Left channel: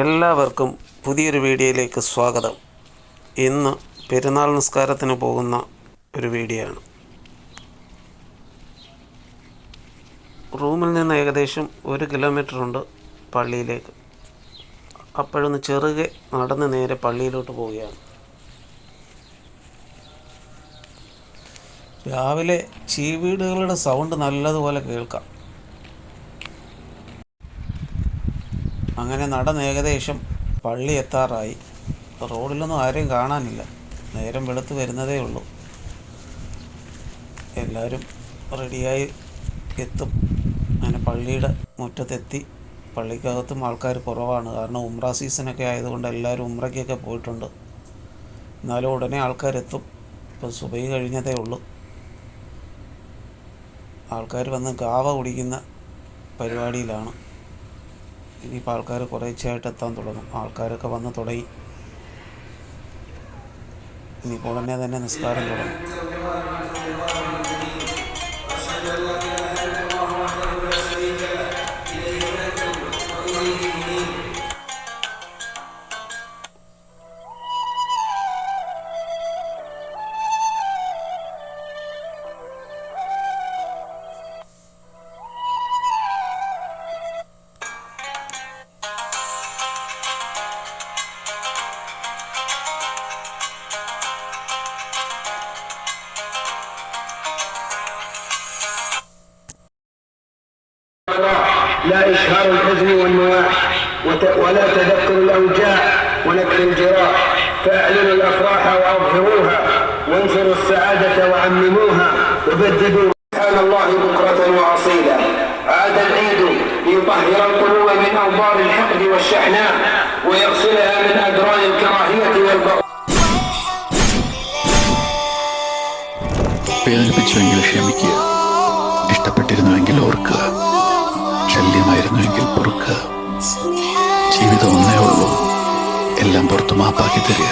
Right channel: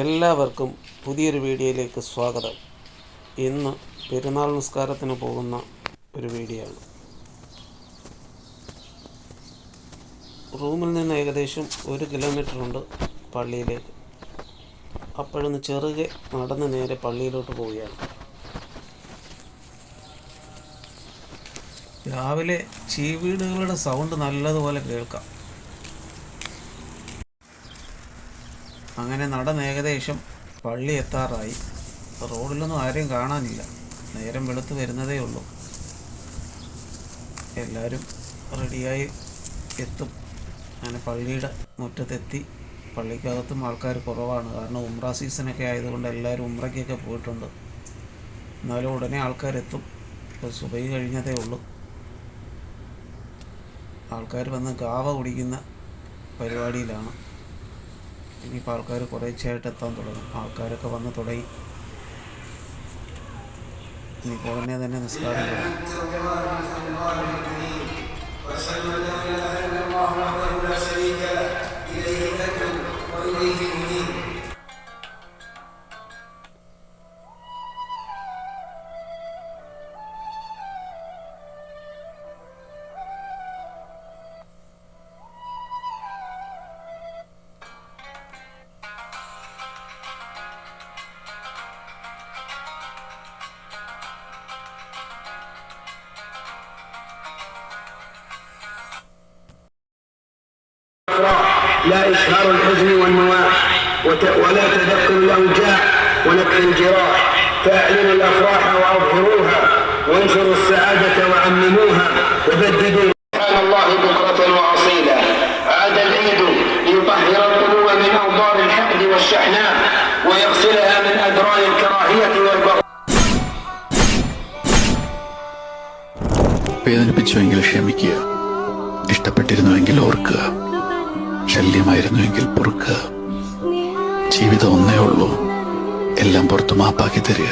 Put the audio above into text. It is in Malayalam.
എല്ലാവർക്കും പുതിയൊരു വീഡിയോയിലേക്ക് സ്വാഗതം. ഇന്ന് പെരുന്നാൾ നിസ്കാരത്തിന് പോകുന്ന ഒരു വീഡിയോ ആണ്. റൂമിൽ നിന്ന് ഏകദേശം 1 കിലോമീറ്റർ ഉണ്ട് പള്ളിയിലേക്ക്. അപ്പോഴൊന്ന് ചെറുകെ നടന്ന് നേരെ പള്ളിയിലോട്ട് പോവുകയാണ്. രാവിലെ ചീവീടുകളുടെ സൗണ്ട് നല്ലതുപോലെ കേൾക്കാം. അങ്ങനെ നടന്ന് ഏകദേശം പള്ളി എത്താറായി. റോഡിലൊന്നും ആരെയും കാണാനില്ല. നേരം വെളുത്ത് വരുന്നതേ ഉള്ളൂ. എല്ലാവരും റെഡിയായി എത്തും. അങ്ങനെ പള്ളിയുടെ മുറ്റത്തെത്തി. പള്ളിക്കകത്തും ആൾക്കാർ കുറവാണ്. കാരണം ഉംറ സീസണൊക്കെ ആയതുകൊണ്ട് എല്ലാവരും ഉംറയ്ക്കൊക്കെ പോയിട്ടുണ്ട്. എന്നാലും ഉടനെ ആൾക്കാരെത്തും. ഇപ്പോൾ സുബഹി കഴിഞ്ഞതേ ഉള്ളൂ. ആൾക്കാർ വന്ന് ഗാവ കുടിക്കുന്ന പരിപാടിയിലാണ്. ഇനിയിപ്പോൾ ആൾക്കാർ കുറേശ്ശെയായിട്ട് എത്താൻ തുടങ്ങും. ആൾക്കാരൊക്കെ വന്ന് തുടങ്ങി. ഇനിയിപ്പോൾ ഉടനെ തന്നെ നിസ്കാരം തുടങ്ങും. لا إشهار الحزن والنواح ولا تذكر الأوجاع ونكح الجراح فأعلنوا الأفراح وأظهروها وانشروا السعادة وعمموها وبددوا سبحان الله بكرة وأصيلا. عاد العيد ليطهر القلوب من أوضار الحقد والشحناء ويغسلها من أدران الكراهية والبغضاء. വേദനിപ്പിച്ചുവെങ്കിൽ ക്ഷമിക്കുക, ഇഷ്ടപ്പെട്ടിരുന്നുവെങ്കിൽ ഓർക്കുക, ശല്യമായിരുന്നുവെങ്കിൽ പൊറുക്കുക. ജീവിതം ഒന്നേ ഉള്ളൂ, എല്ലാം പുറത്ത് മാപ്പാക്കി തരിക.